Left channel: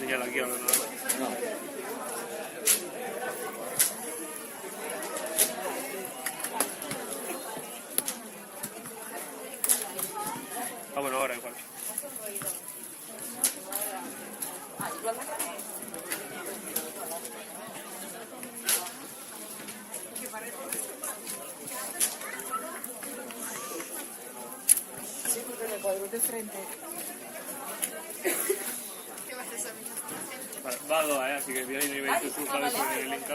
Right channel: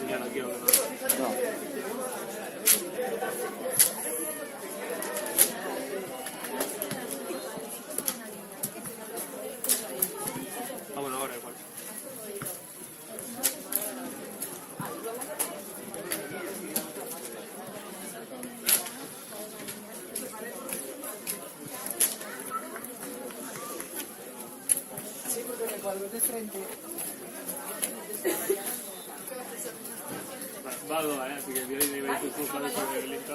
señal aquí. No. Ah, bueno, ahora igual. Sí, porque en el cuadro de frente. Va, así que viene y me dice tu sabes que me linka.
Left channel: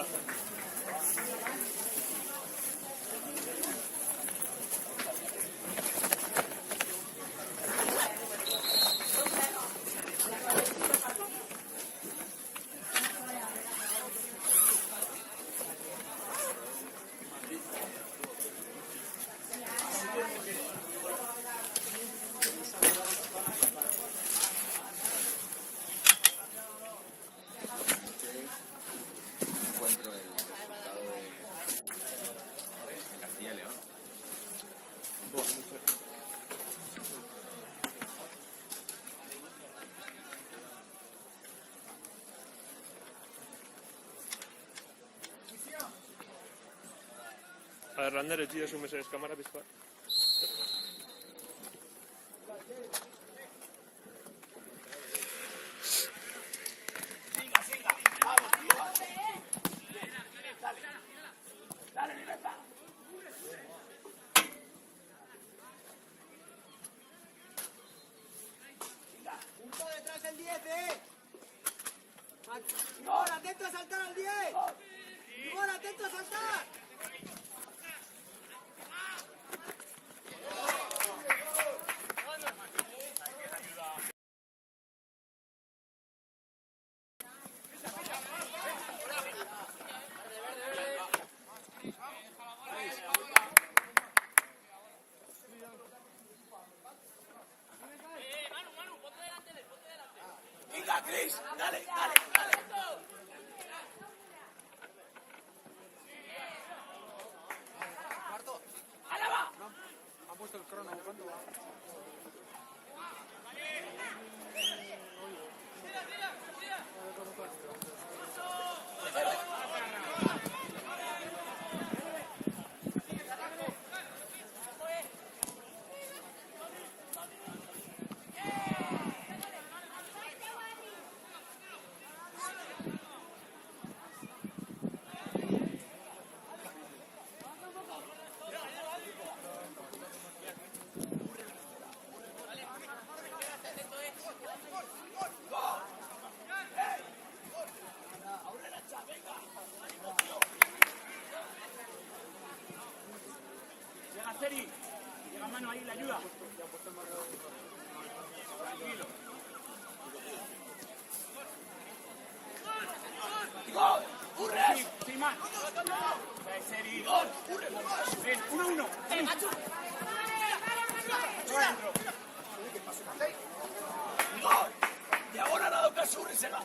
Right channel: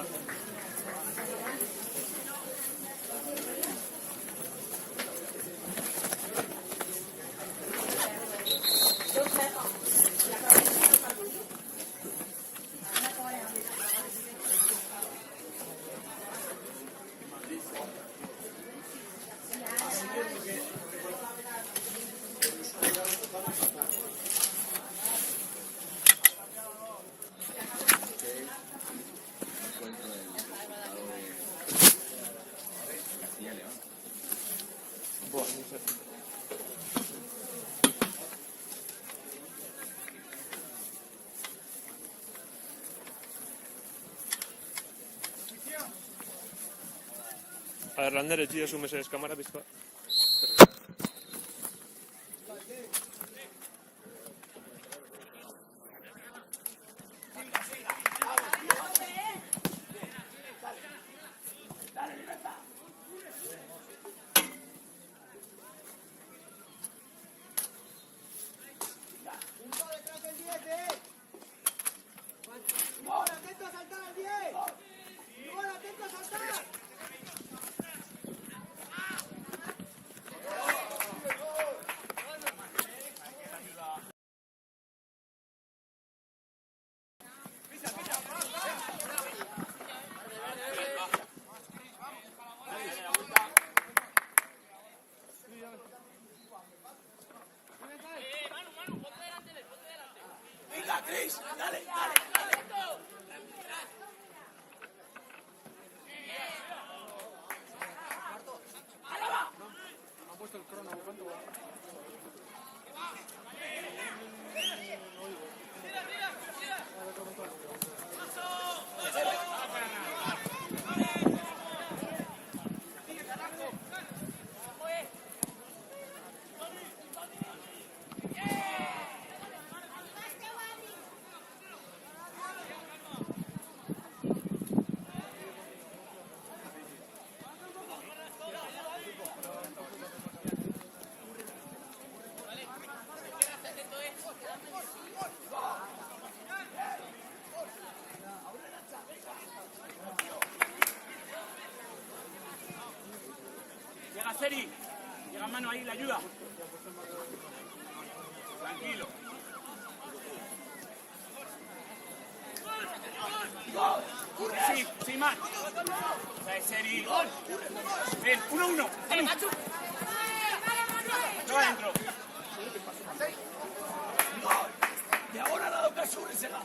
A ver, Lander, tío, su mesa de cámara, ¿viste? ¡Atento a saltar al 10! ¡Atento a saltar! ¡Venga, Cris! ¡Dale! ¿Han puesto el crono? ¿Cuánto va? Llega Seri. Llega mano ahí, la ayuda. Tranquilo. Sí, man. Seri. Ven, 1-1. Yo adentro. Y ahora ha dado caso y se va.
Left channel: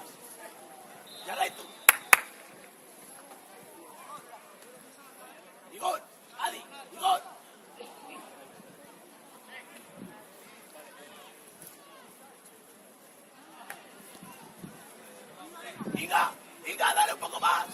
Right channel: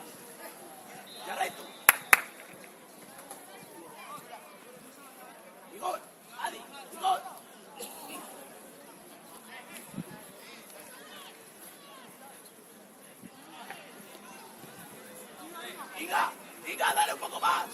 Y adentro. Igor, Adi, Igor. Diga, dale un poco más.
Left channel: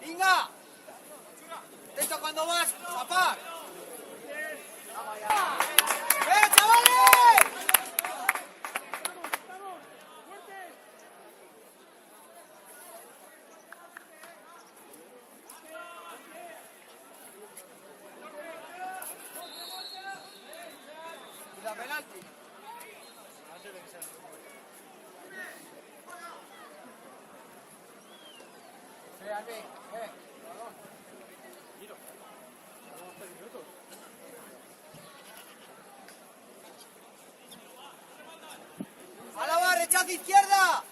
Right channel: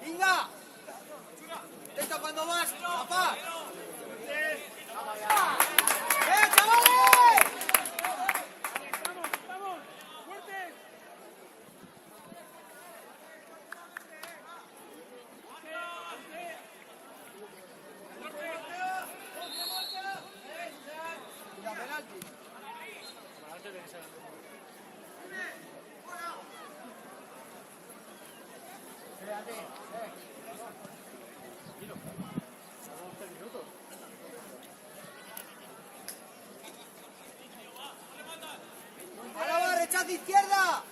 ¡Venga! ¡Deja cuando vas, papá! ¡A la barra, rechaza izquierda!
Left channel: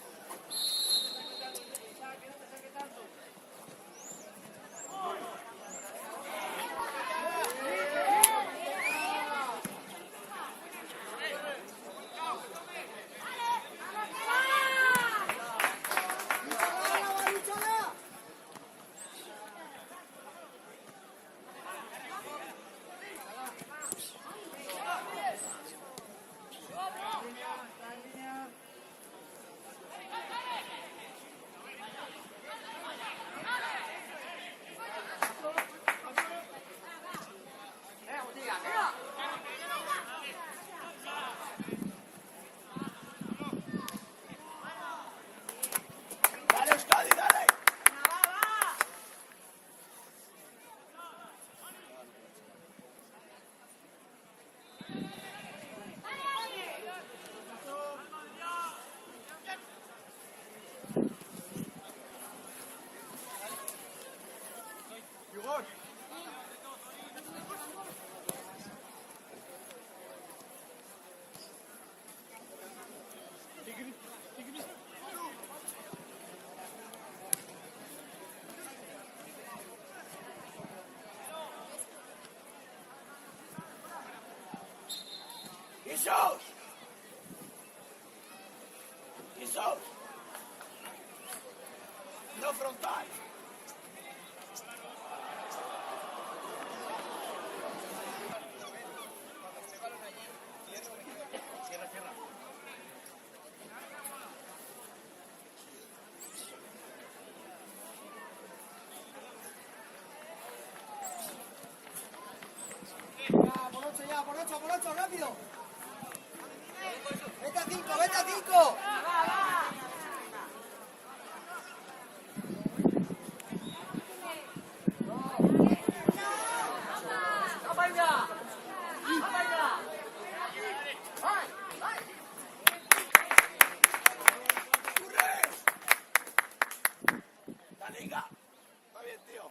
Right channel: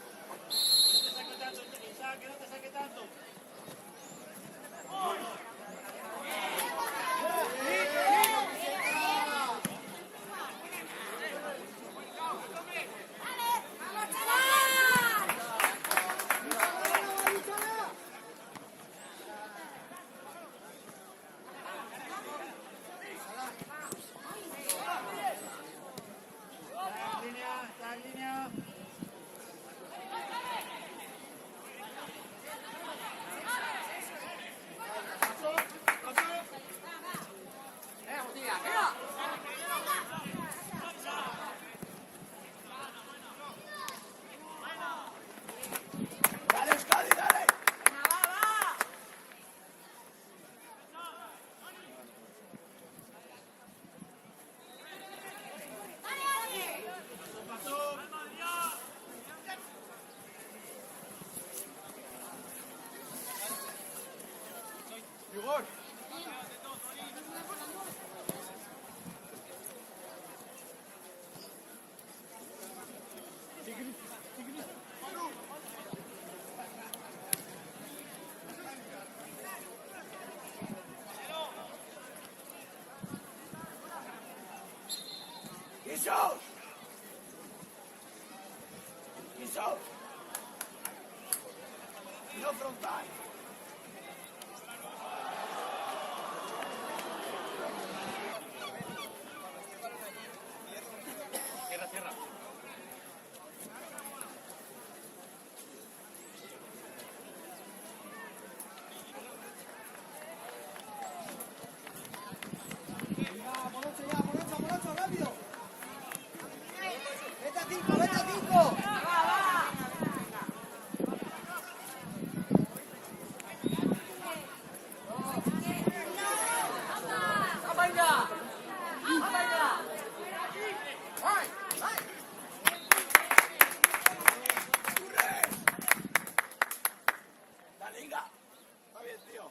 frontal. Morocho, rápido. Vete a 5. Dale, Inga. Va bien, tío.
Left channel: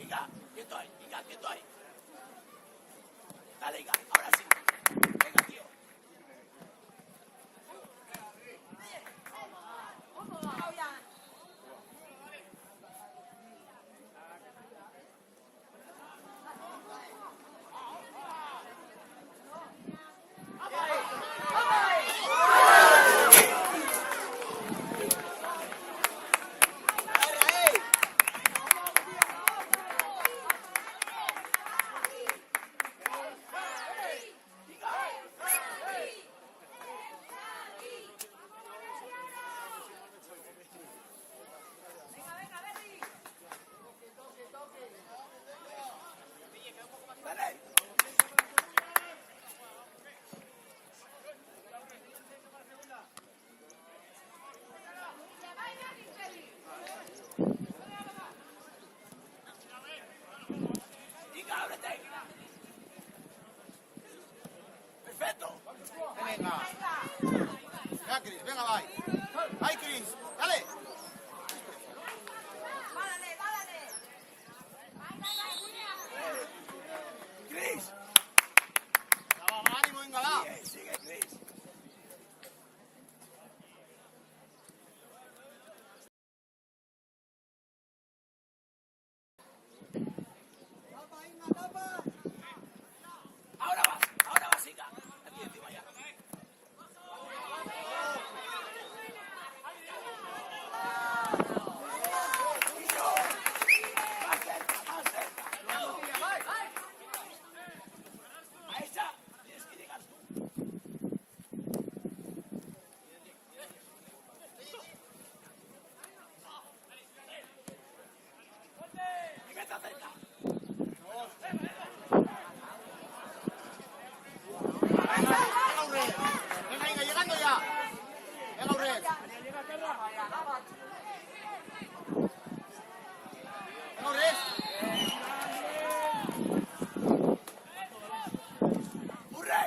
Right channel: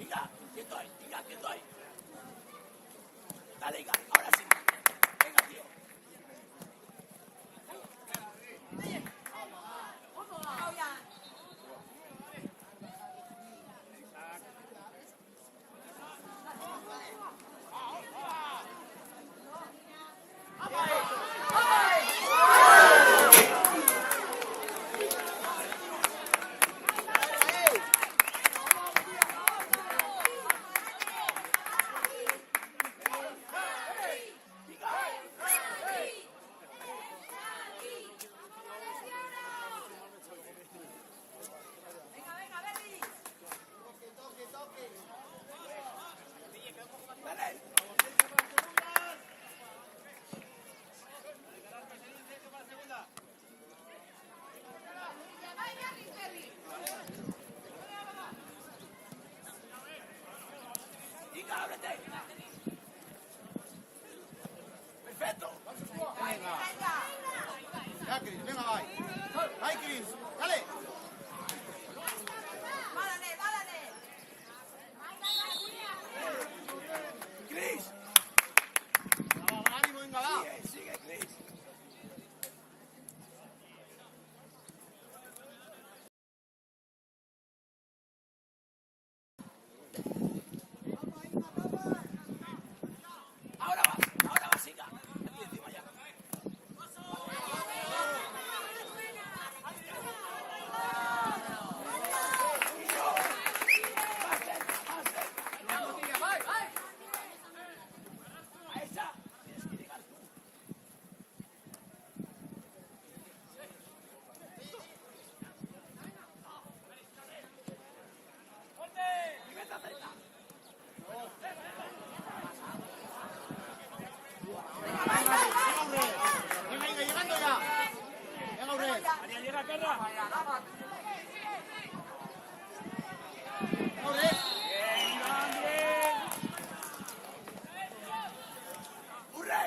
Inga, quieto ahí. Inga, quieto ahí. Dale, Inga. Ahora sí. Venga, tío. Perfecto. Venga, va. Ahí, Cris. Dale. Cris. Ánimo, venga, va. Ahora vas, Inga. Aquí encima ya. Ahí está. Tienes que llegar. Y vete a hacer. Venga, llegando ya. Venga, Aurel. Llega Carra. Venga, Aurel. ¡Hurra!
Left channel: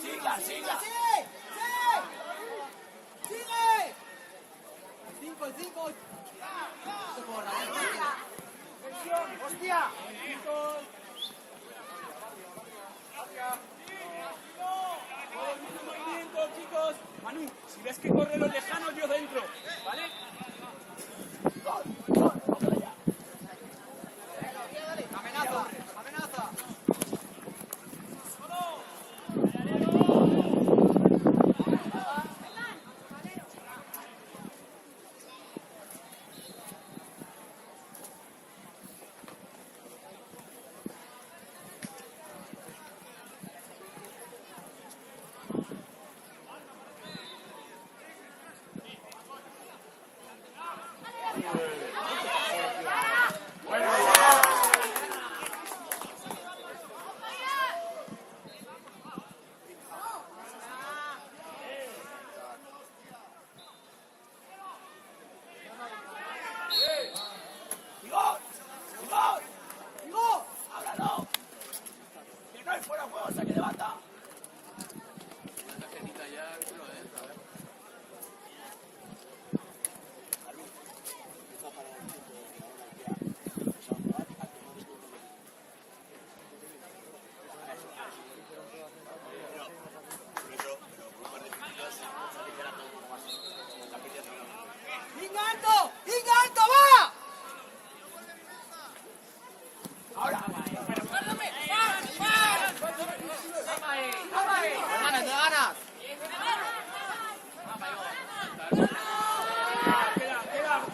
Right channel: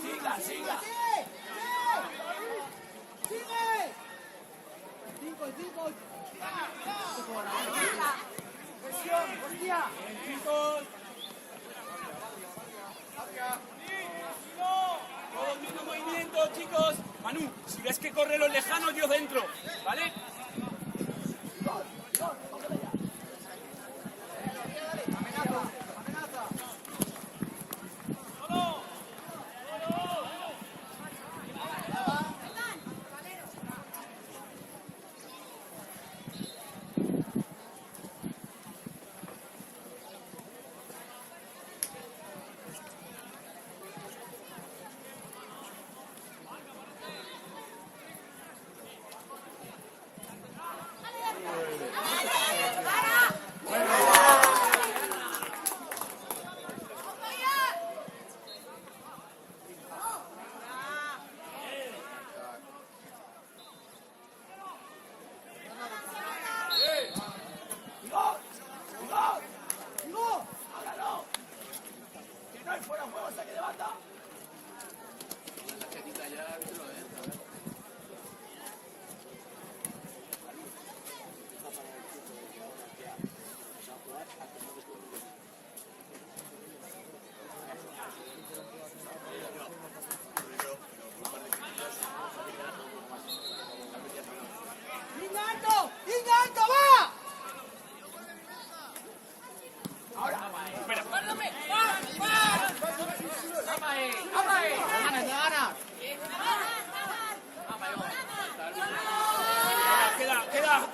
Siga, siga. ¡Sigue! 5. ¡Hostia! Todo el mismo movimiento, chicos. Manu, si ves que corre los lejanos, yo dentro, ¿vale?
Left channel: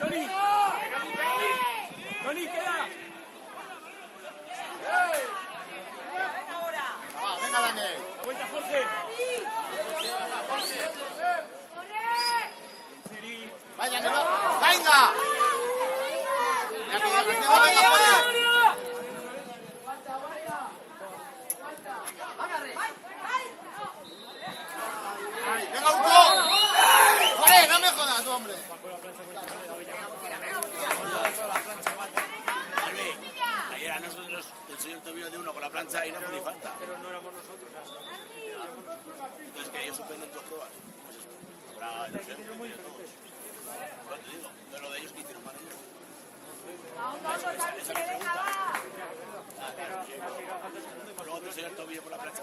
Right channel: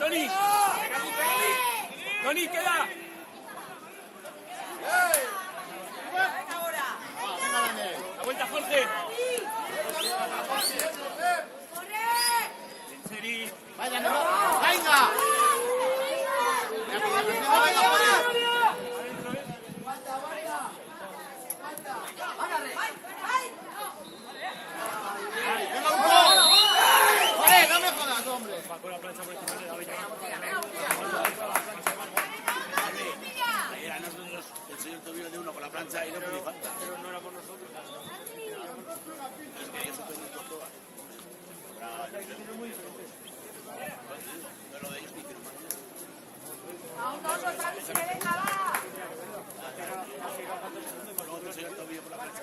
Tony. Tony, queda. La vuelta, Jorge. Seri. Venga, venga. Ayer a nosotros consiguió un tobillo de uno con la plancha y no ni falta. Pero no éramos nosotros. Es que ellos suspenden por todas. Hay que ser muy diferentes. Bueno, de ellos que hicieron. Nosotros el tobillo por la plancha.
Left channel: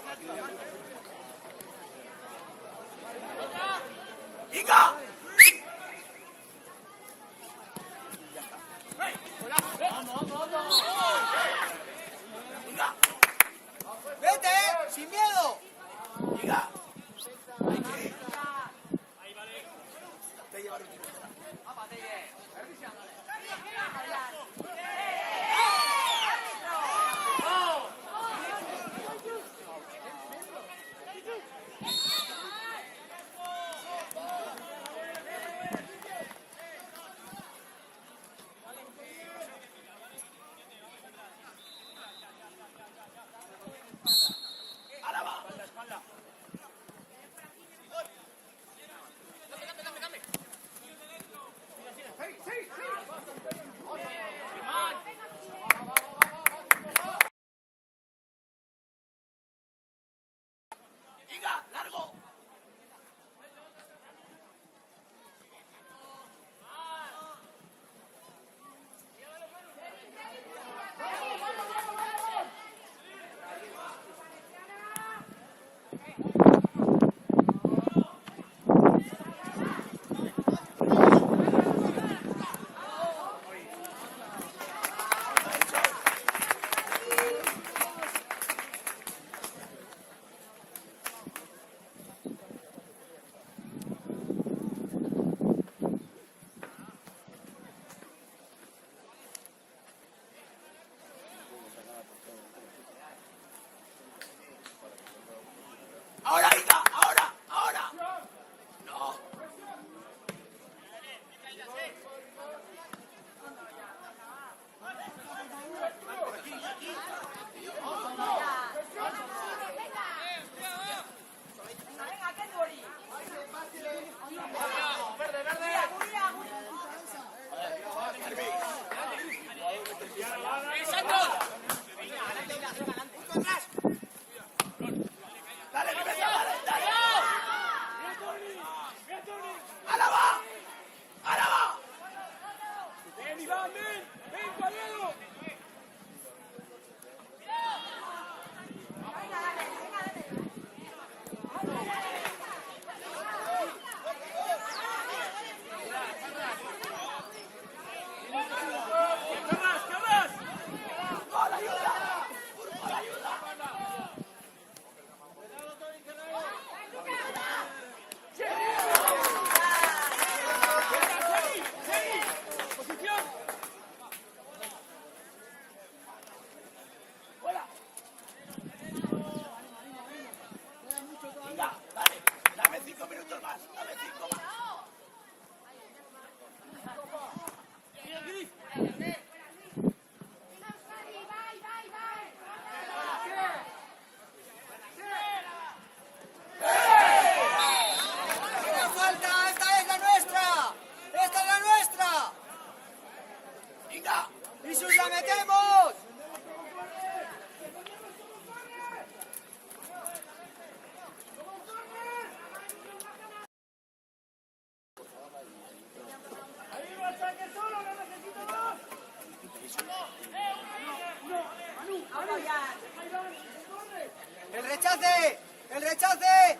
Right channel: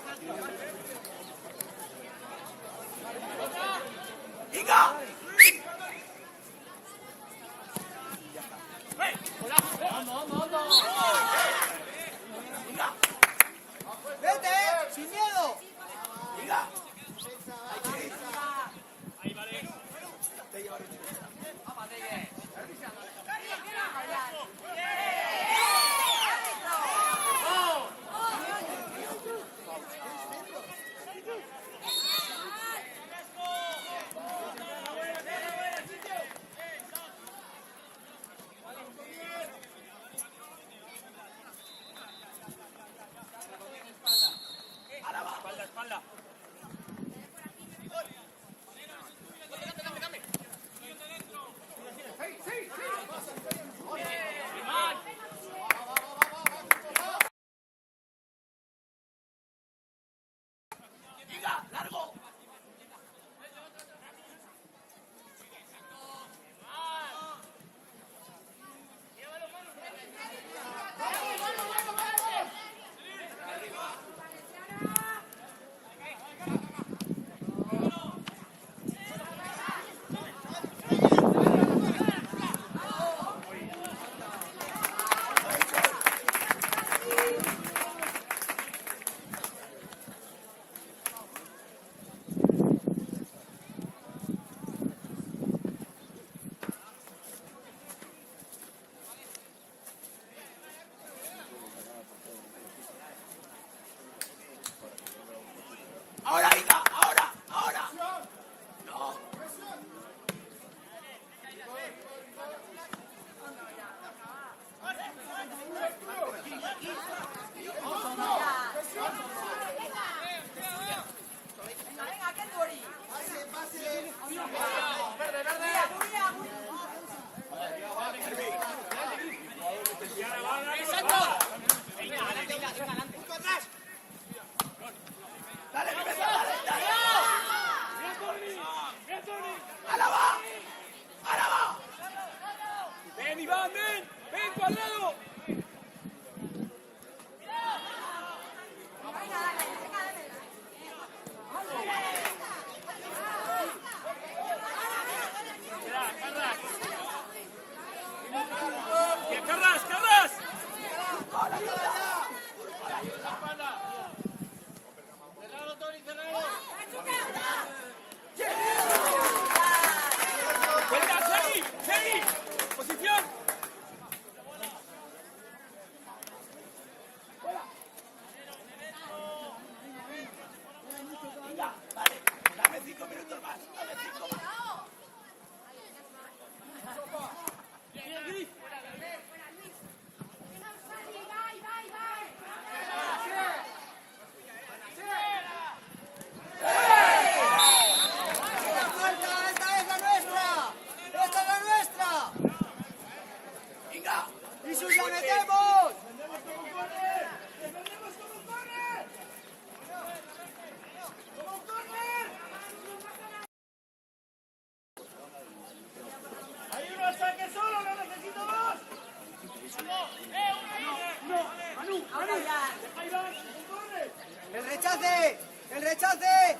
¡Venga! ¡Vete! ¡Sin miedo! ¡Venga! ¡Venga! ¡Largo! ¡Ahora, venga! ¡Ahora! ¡Ahora! ¡No! ¡Dale, Rebeca! ¡Dale, dale! ¡Alaba! ¡Alaba! Ven, Iván, ven. Ven, cuadrado. ¡Carras, carras! ¡Venga, Seri! ¡Seri! ¡Posición! Venga, dale. Dame 5 minutos más. Dame 5 más. ¡Esta es la nuestra! ¡Esta es la nuestra! Venga. ¡Y si os la metemos! ¡El rechace! ¡El rechace!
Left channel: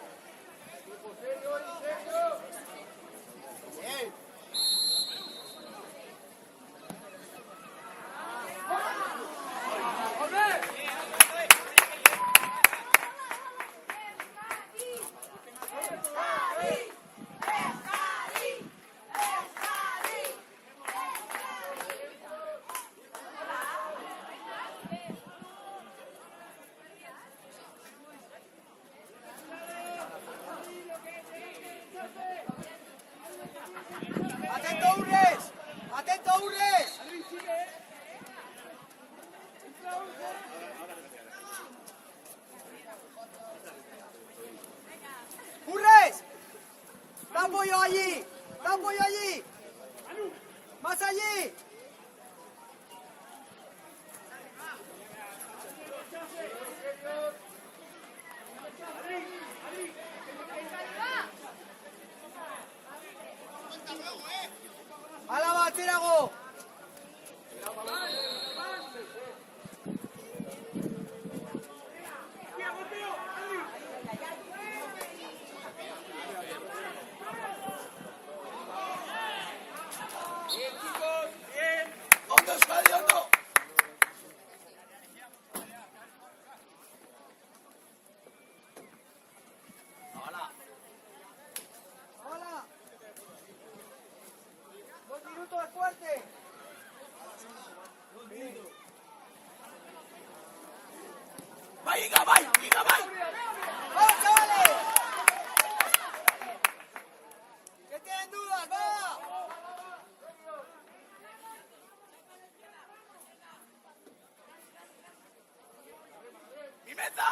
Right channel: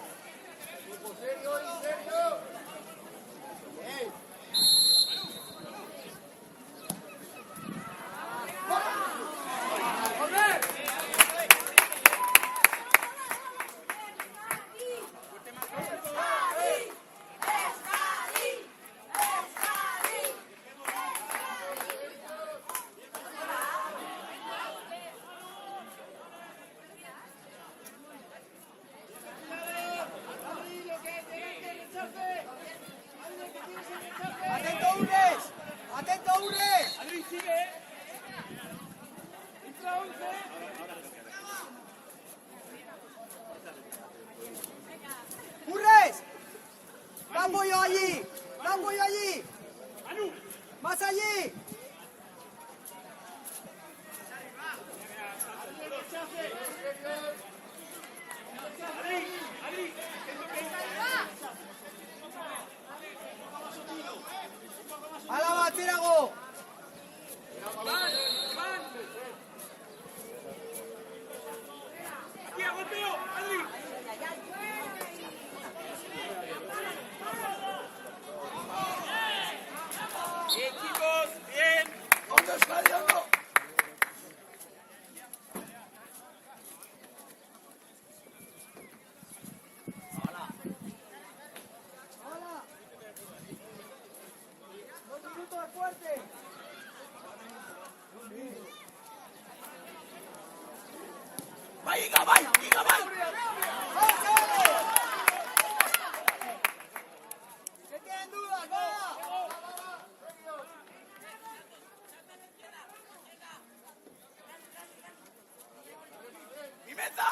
allí! ¡Hala va, Tirago! Bien, chicos, bien. ¿Dónde está el otro? ¡Hala! ¡2 minutos fuerte! Venga, vai, venga, vai. ¡Que quedan dudas, venga! Pimenta.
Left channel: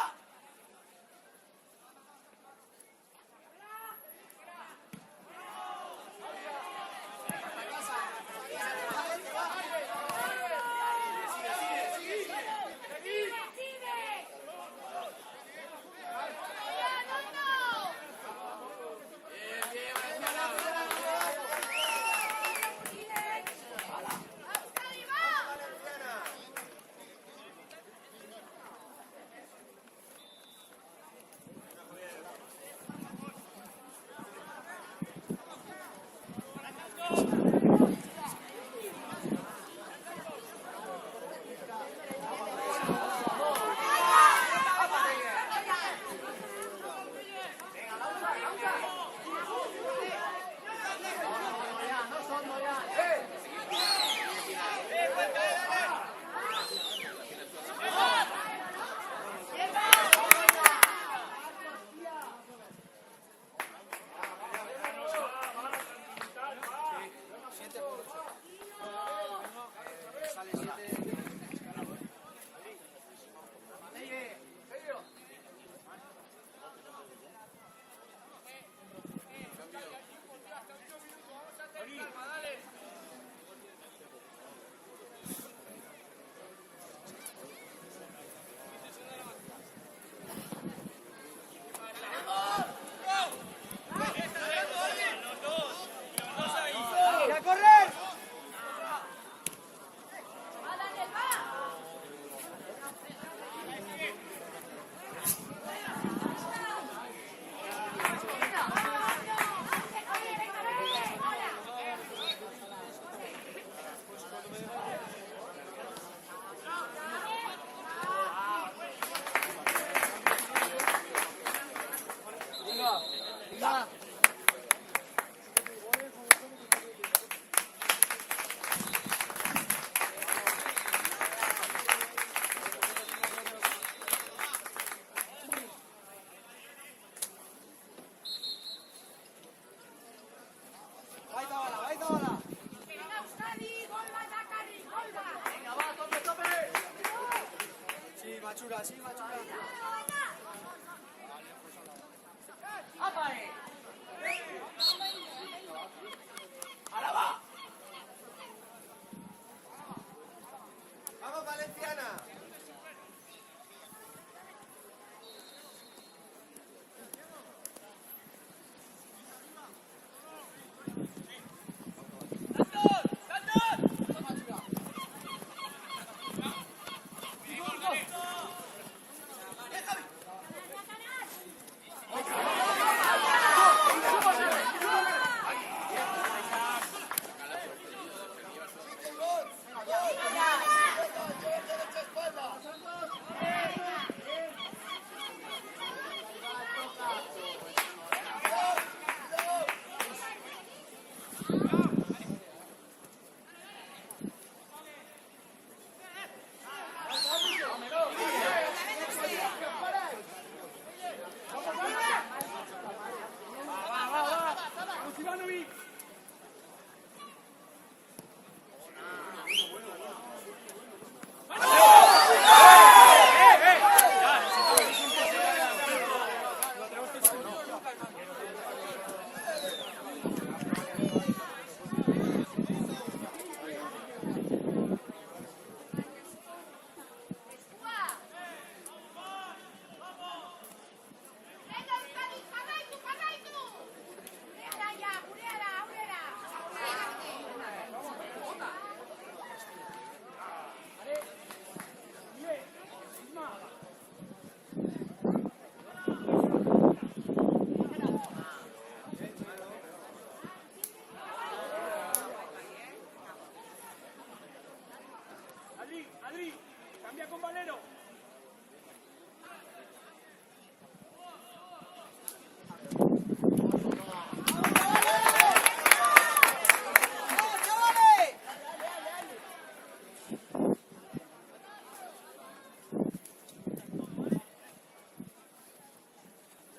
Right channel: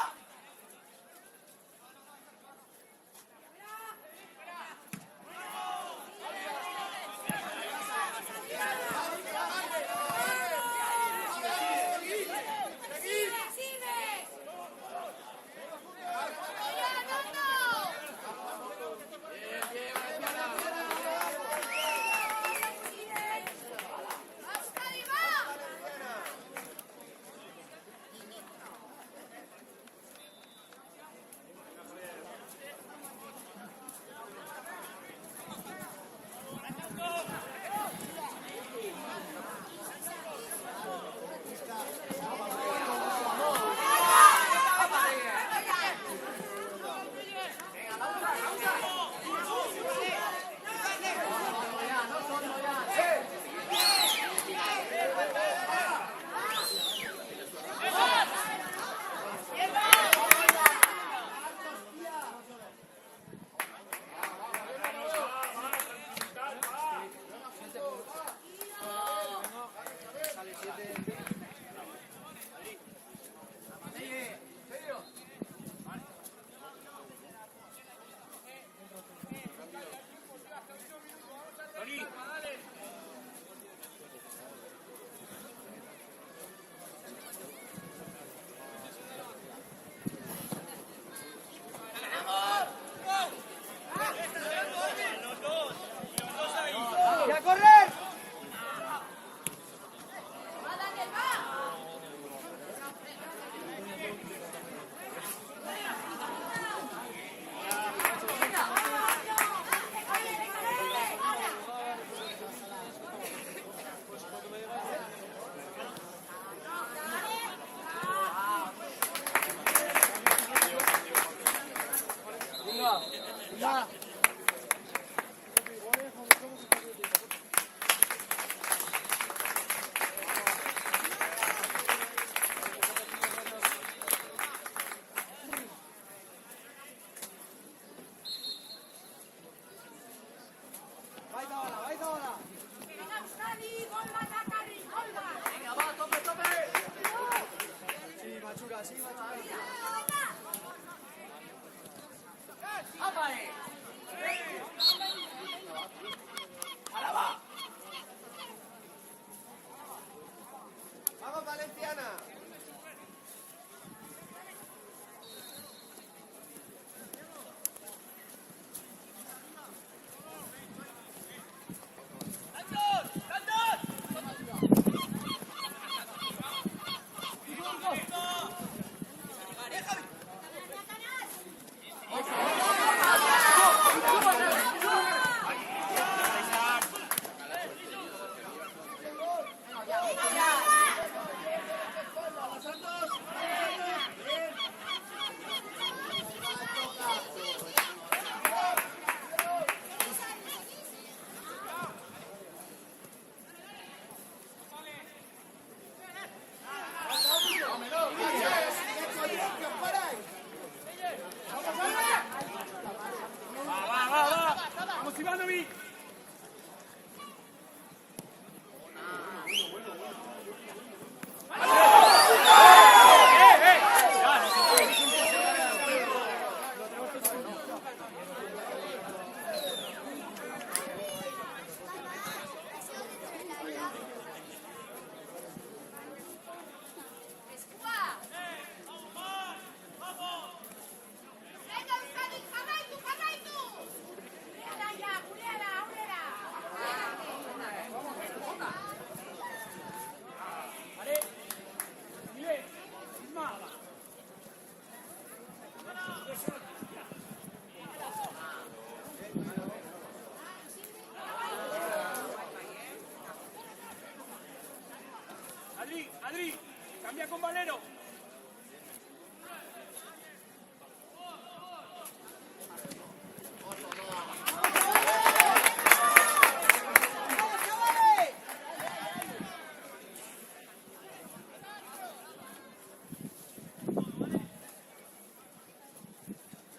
Limpia con Valero.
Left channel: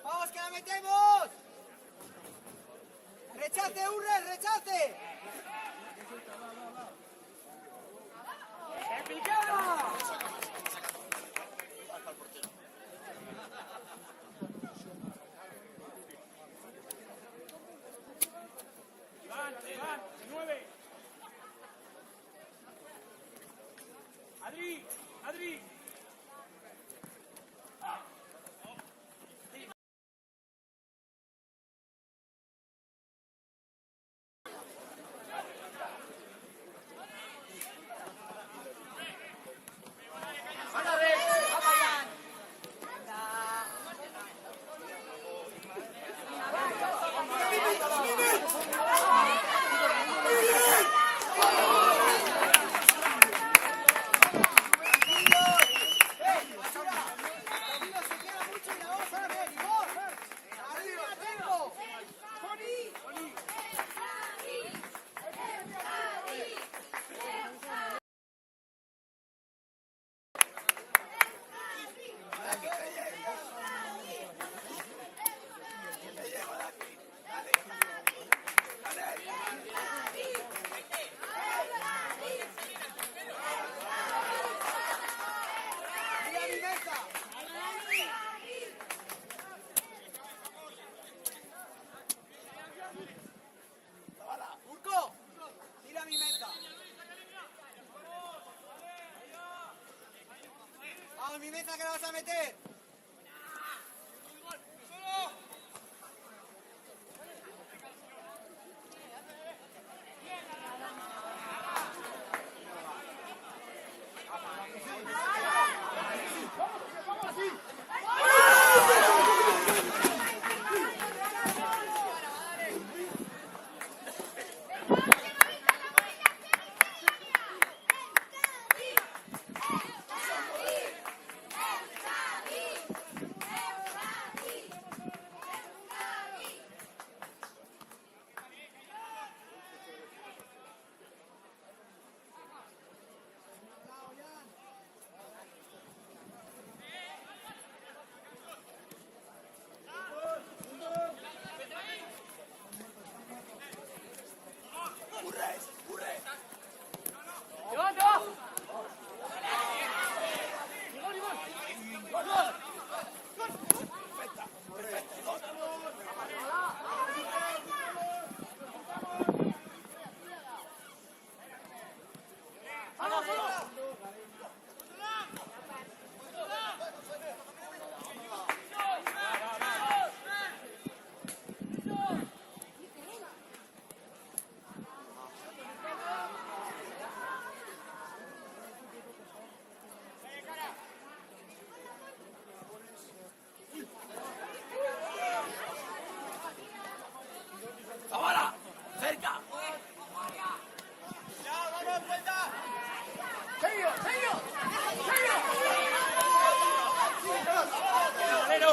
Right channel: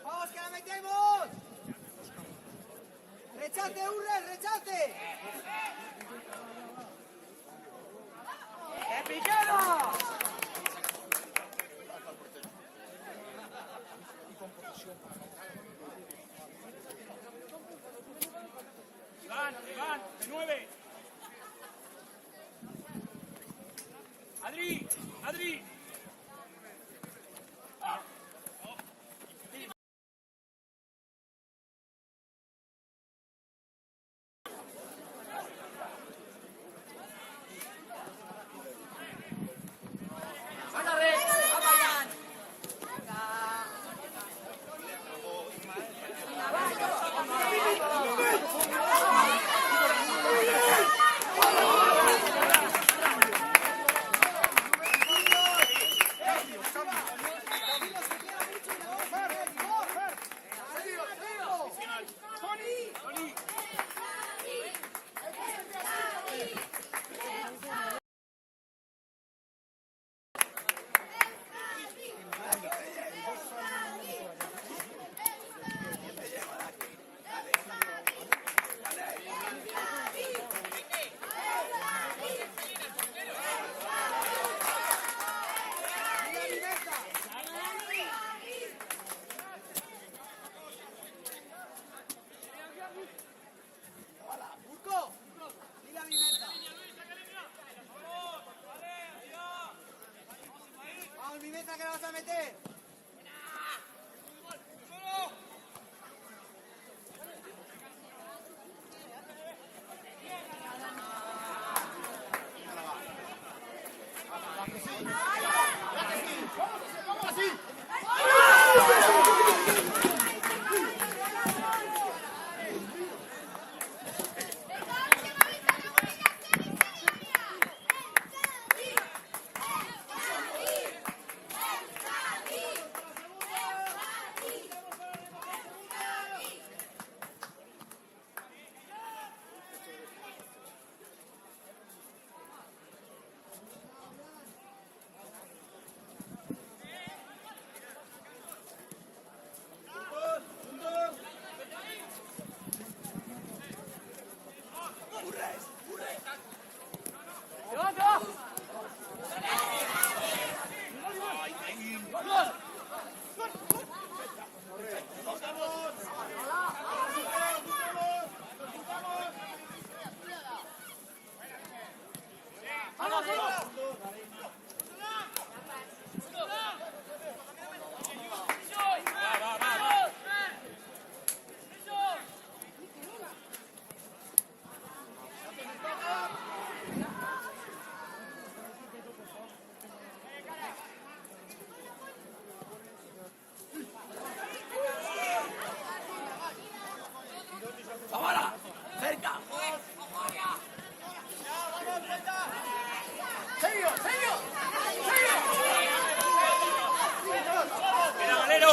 ¡Vamos, que la metemos! ¡Rechace, Urres, rechace! ¡Que piquemos! Van, de 9. Adri. ¡Urco! ¡Mira mi meta! ¡Vamos, mi meta, que la vas a meter! ¡Zavala! ¡Cerca! Queda Valero.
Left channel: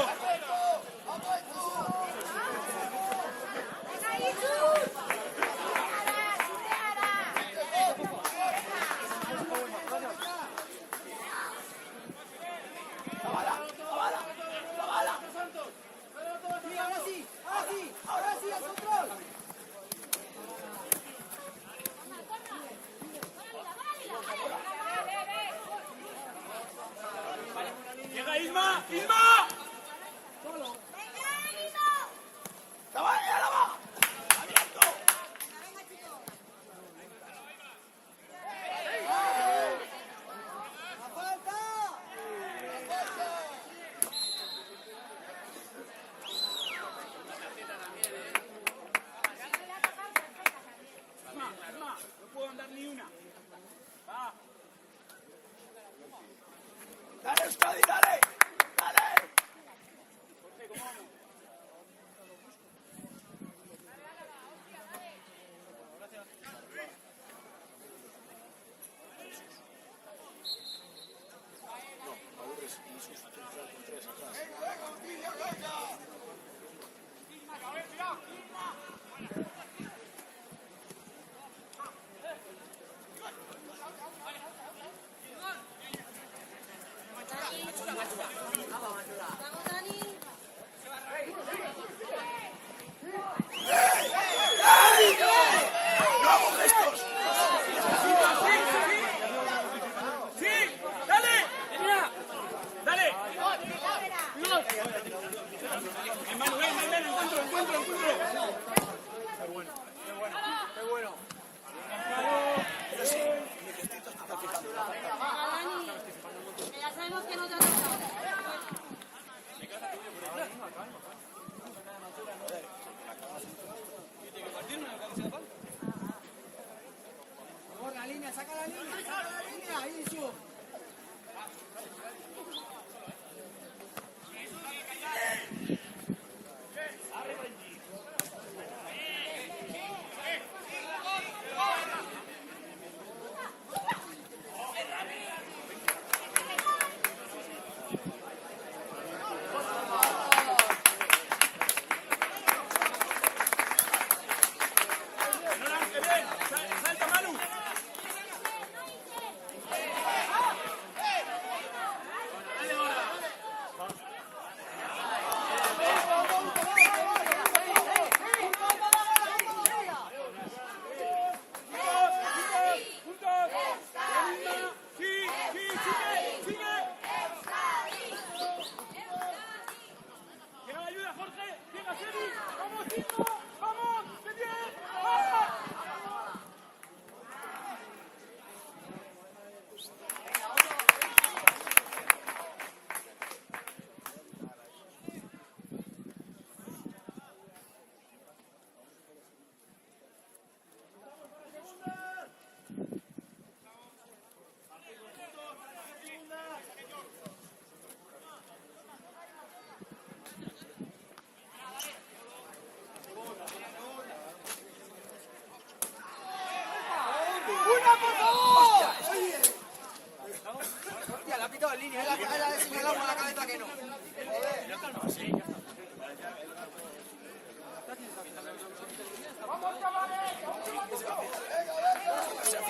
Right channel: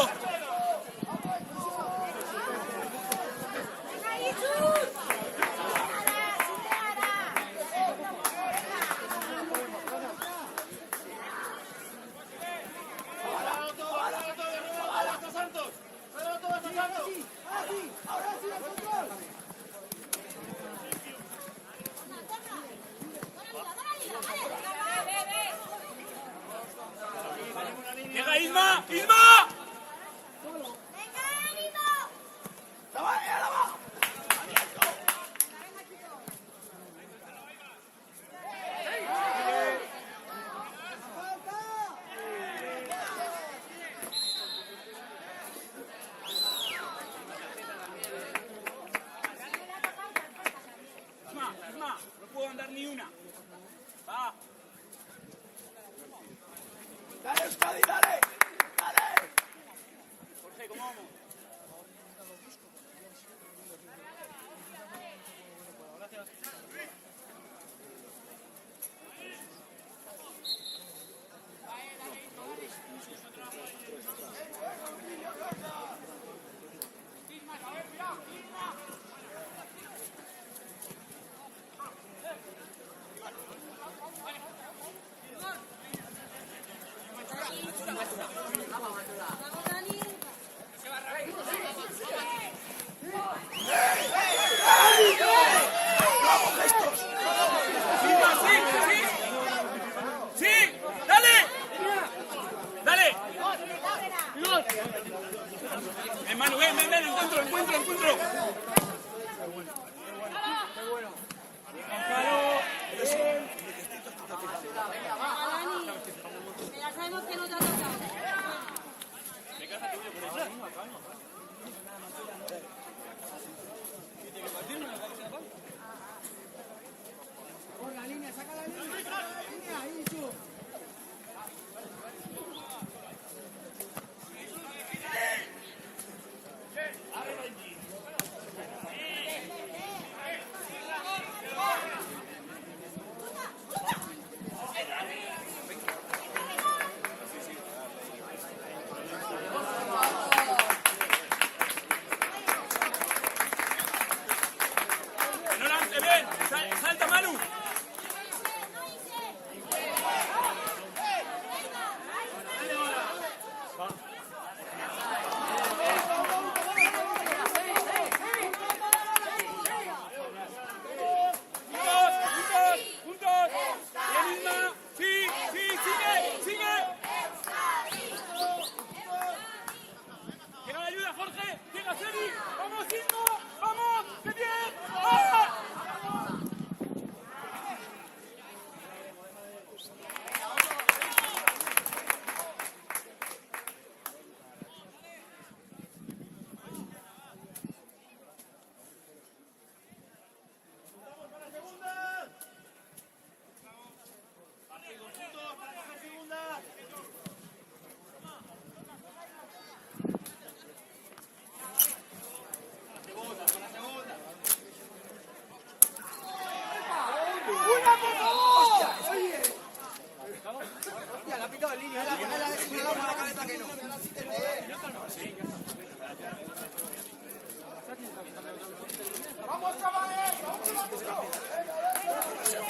Hostia, la ha pitado el niño, era buena la de señalar la cabeza que no.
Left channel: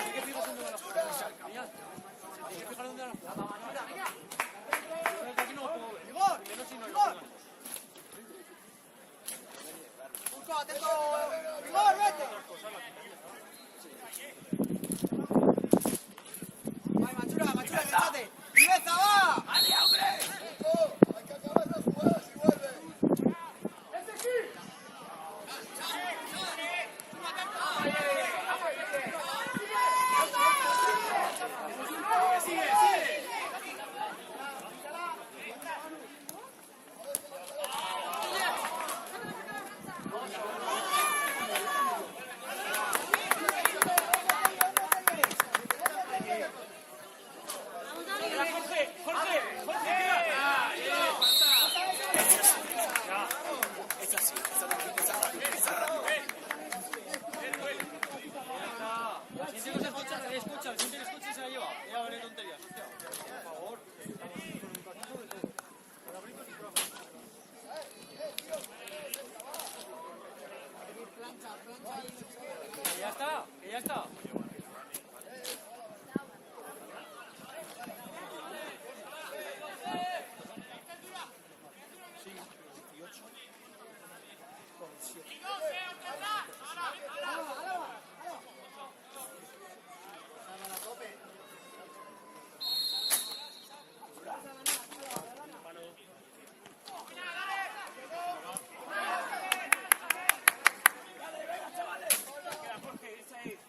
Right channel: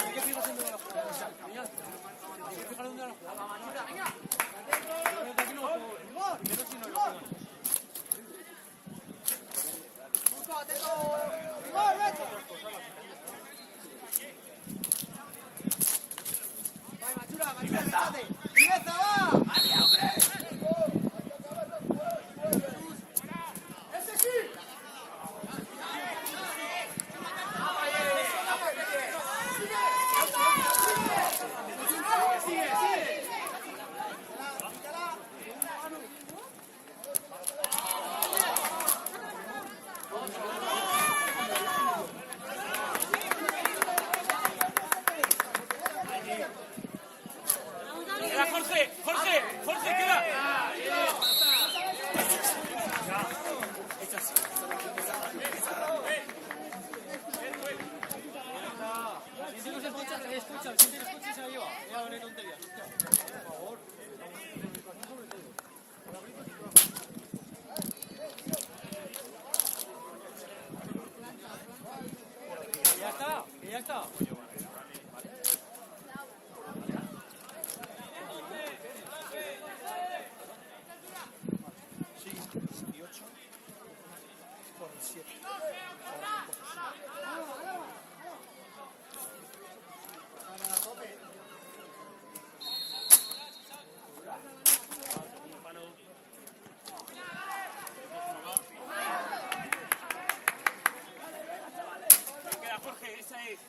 Hay que fijarse dónde va la jugada. Hay que fijar dónde va la jugada. Yo desde aquí no lo puedo ver. Primero si no lo juegan. Otras cosas las quitan. Machula, fíjate. ¡Pieza, va! Jorge, tira. La gente no se escucha, la escucha. El siguiente que escuche se la lleva. Ya vale tonterías. Por favor. Estamos en educación sobre todo. Por la gritos y por la fuerza. Que ya está. Queda Jorge, esa es.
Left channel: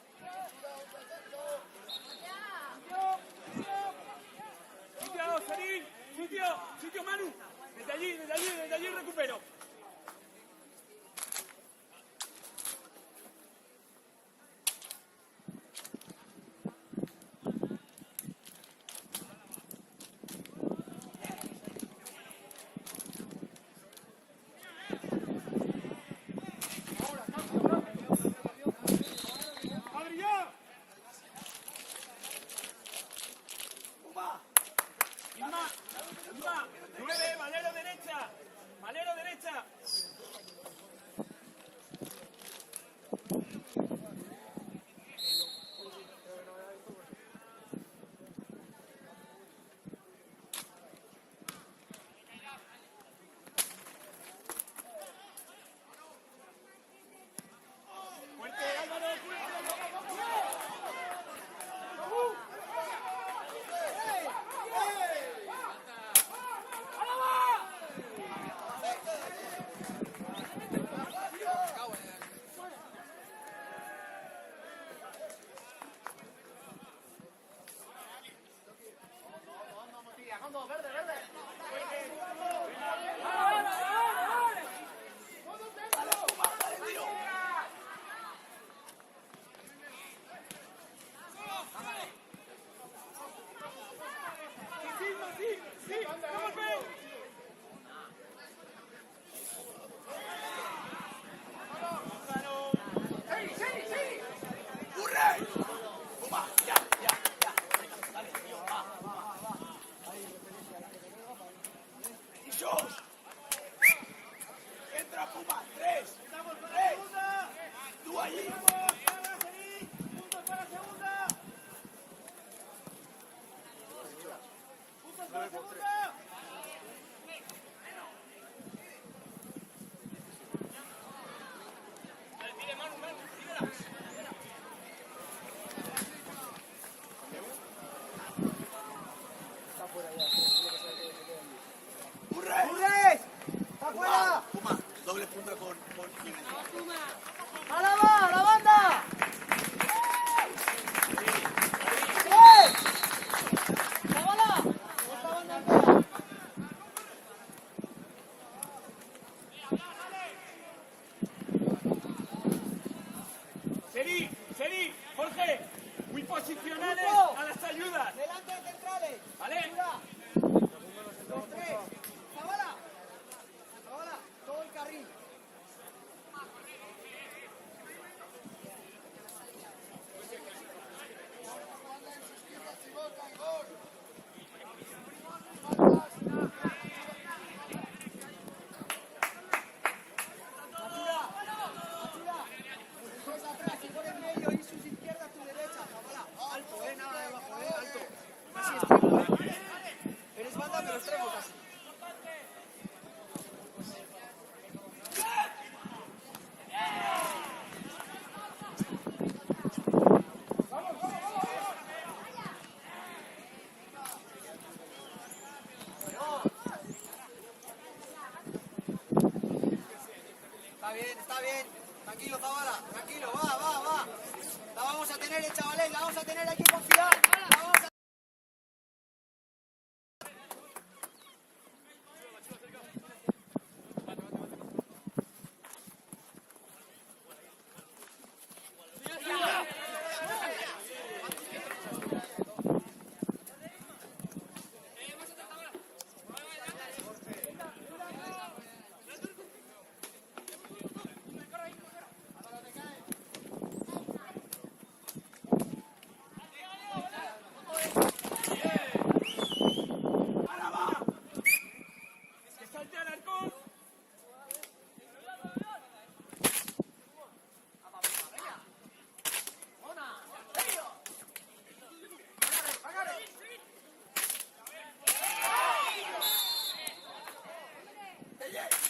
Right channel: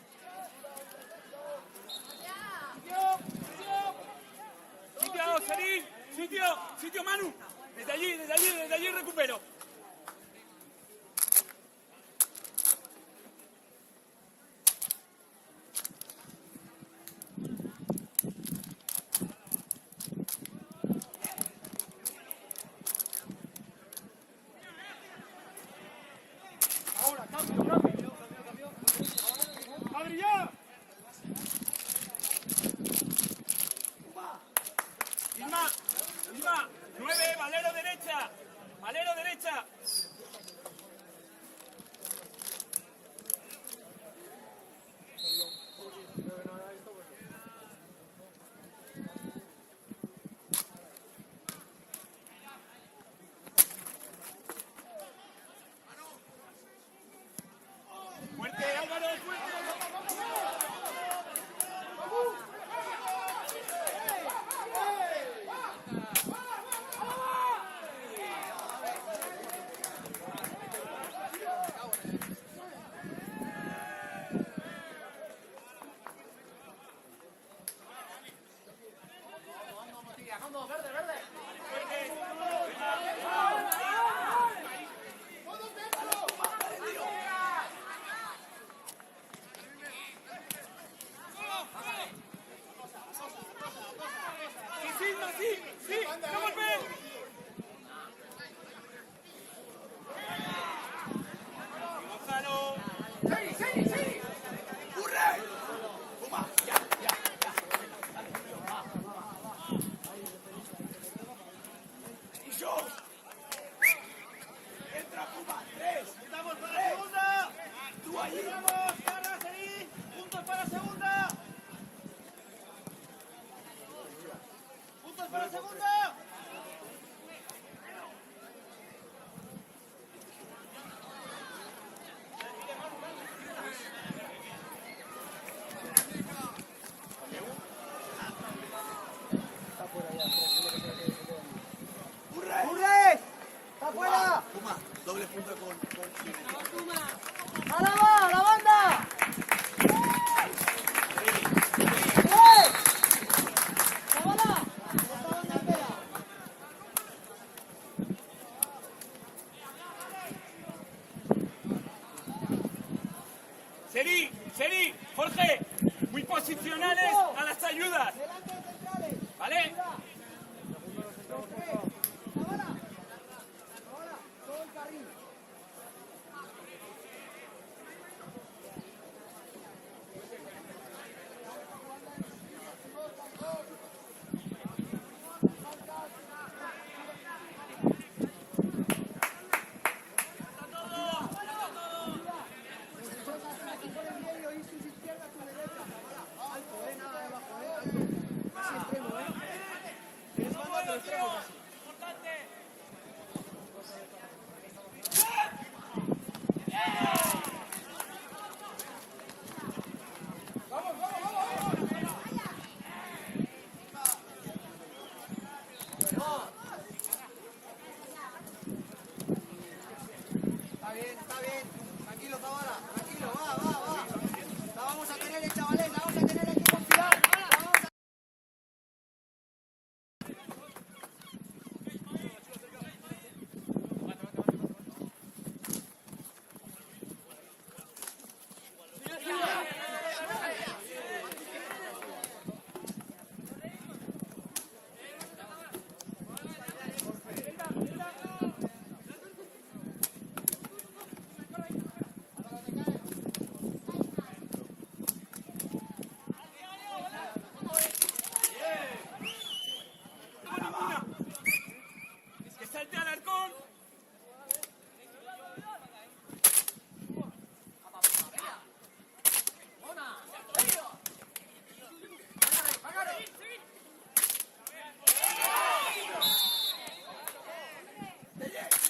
Que salte al arcón.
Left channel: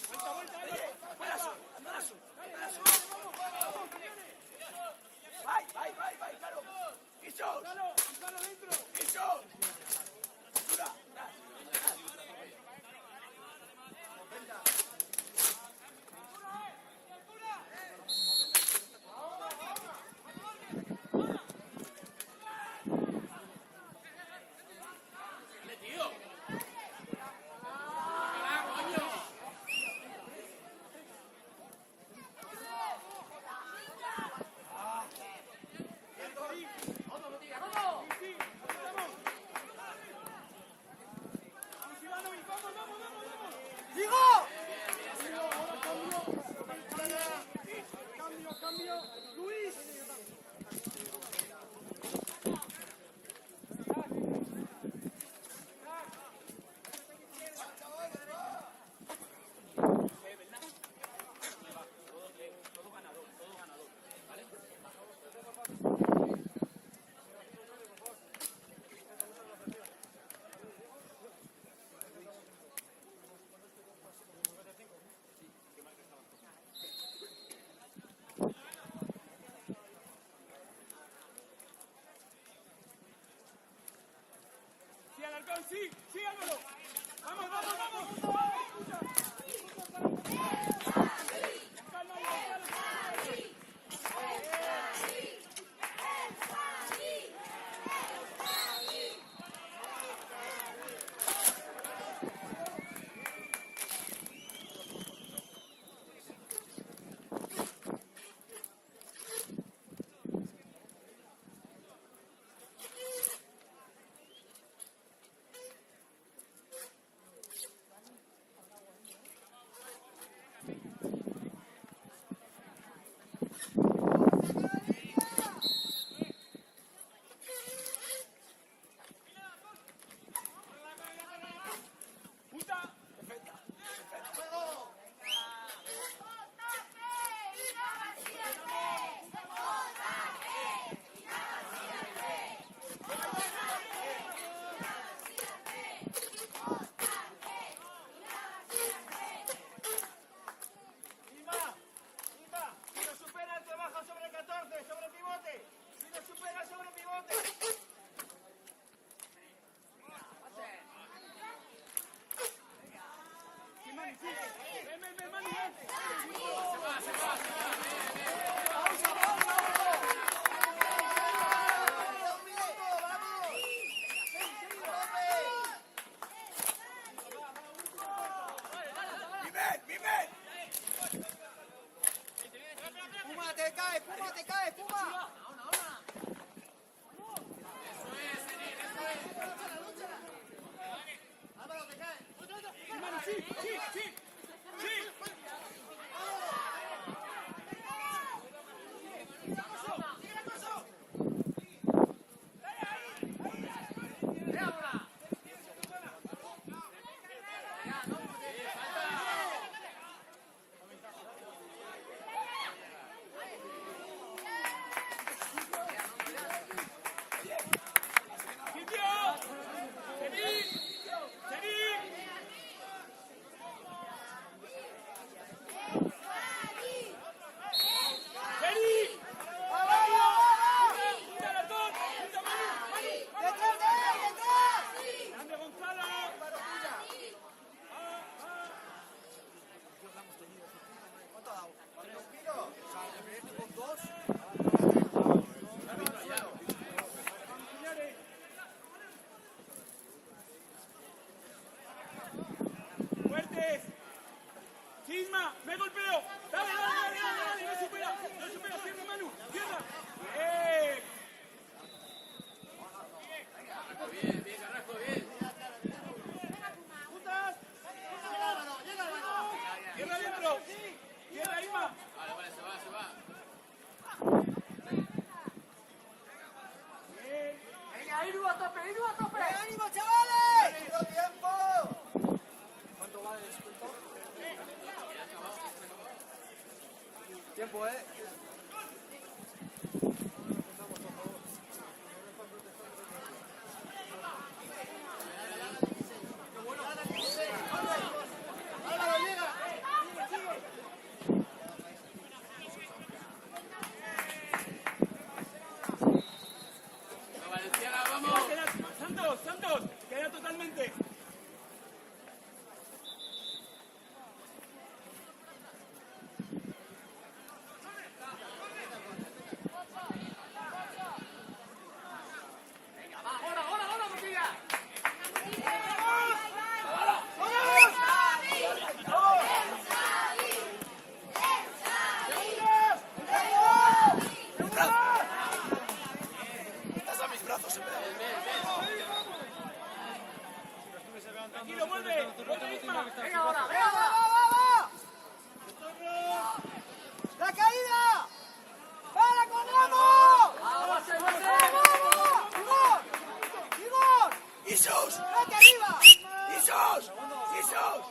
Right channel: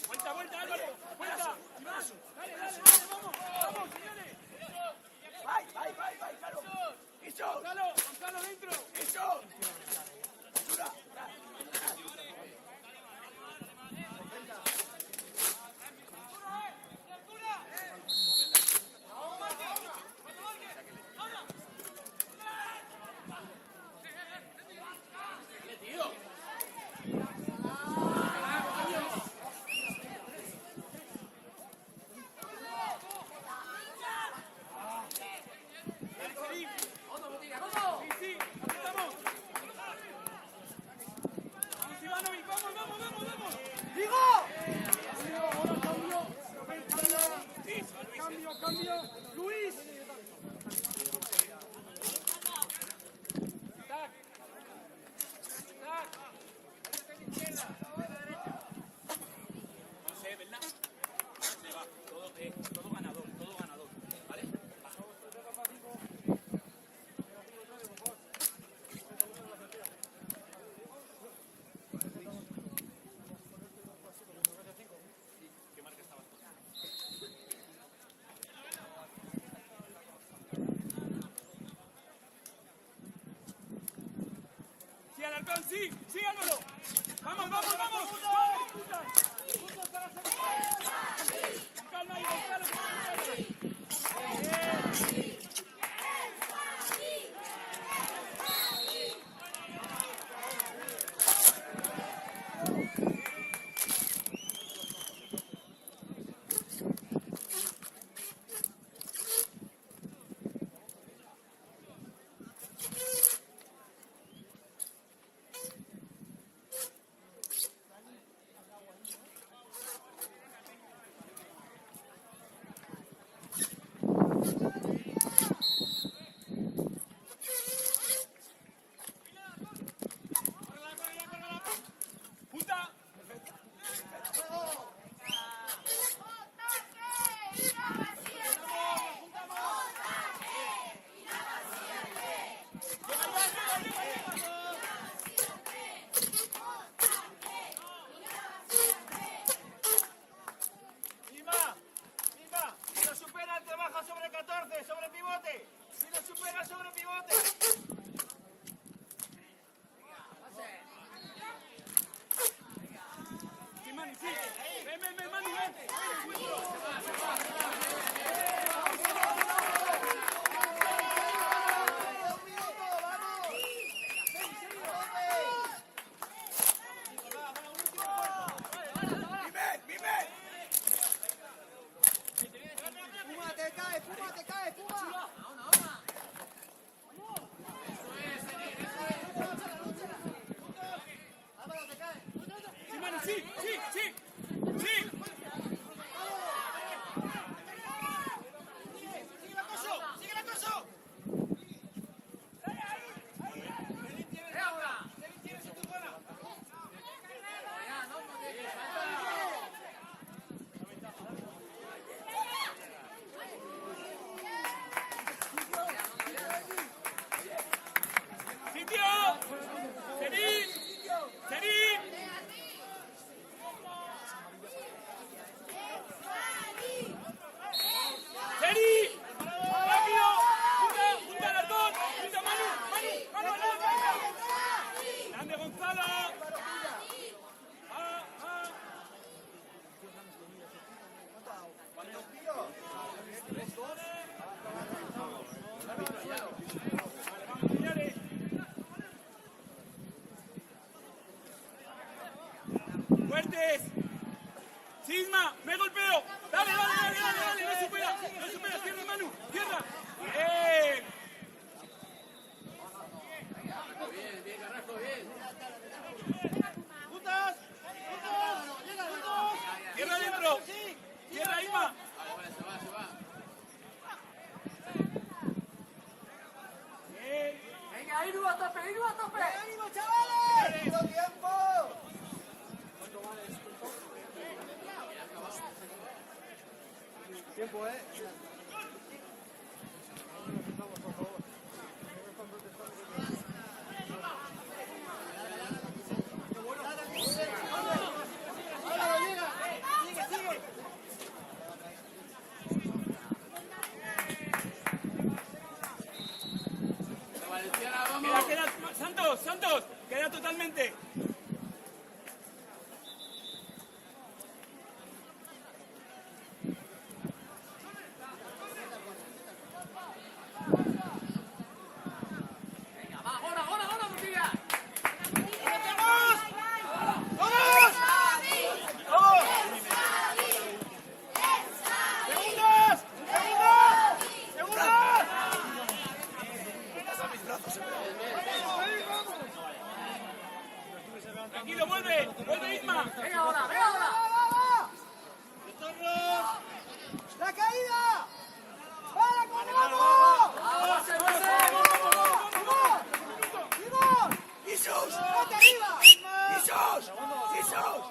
Vuelta, vuelta, Álvaro. Vuelta. Vai, claro. Eso. Usalo dentro. Eso. Dura. Dale, tío. Sí, Alarcón, sí, sí, Álvaro. Vamos, vamos, vamos. Calma ahí, ¡Ánimo, chavales! ¡Todo tiempo! Tiempo, ¿eh? ¡Álvaro, llega! ¡Sigue, sigue! Queda, Santos, Santos, queda totalmente. Tranquilo, vuelve, vuelve Isma. ¡Venga ahora, venga ahora! ¡La caída! ¡Para, corramos! ¡Vamos, ¡Igor! ¡Igor! ¡Jesús! ¡Vete arriba! ¡Jesús! ¡Jesús!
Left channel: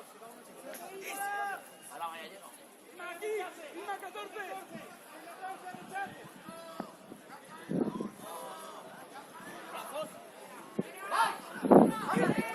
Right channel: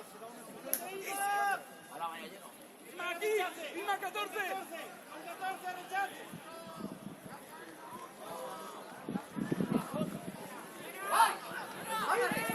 Isma aquí, Isma 14. ¡Váyate!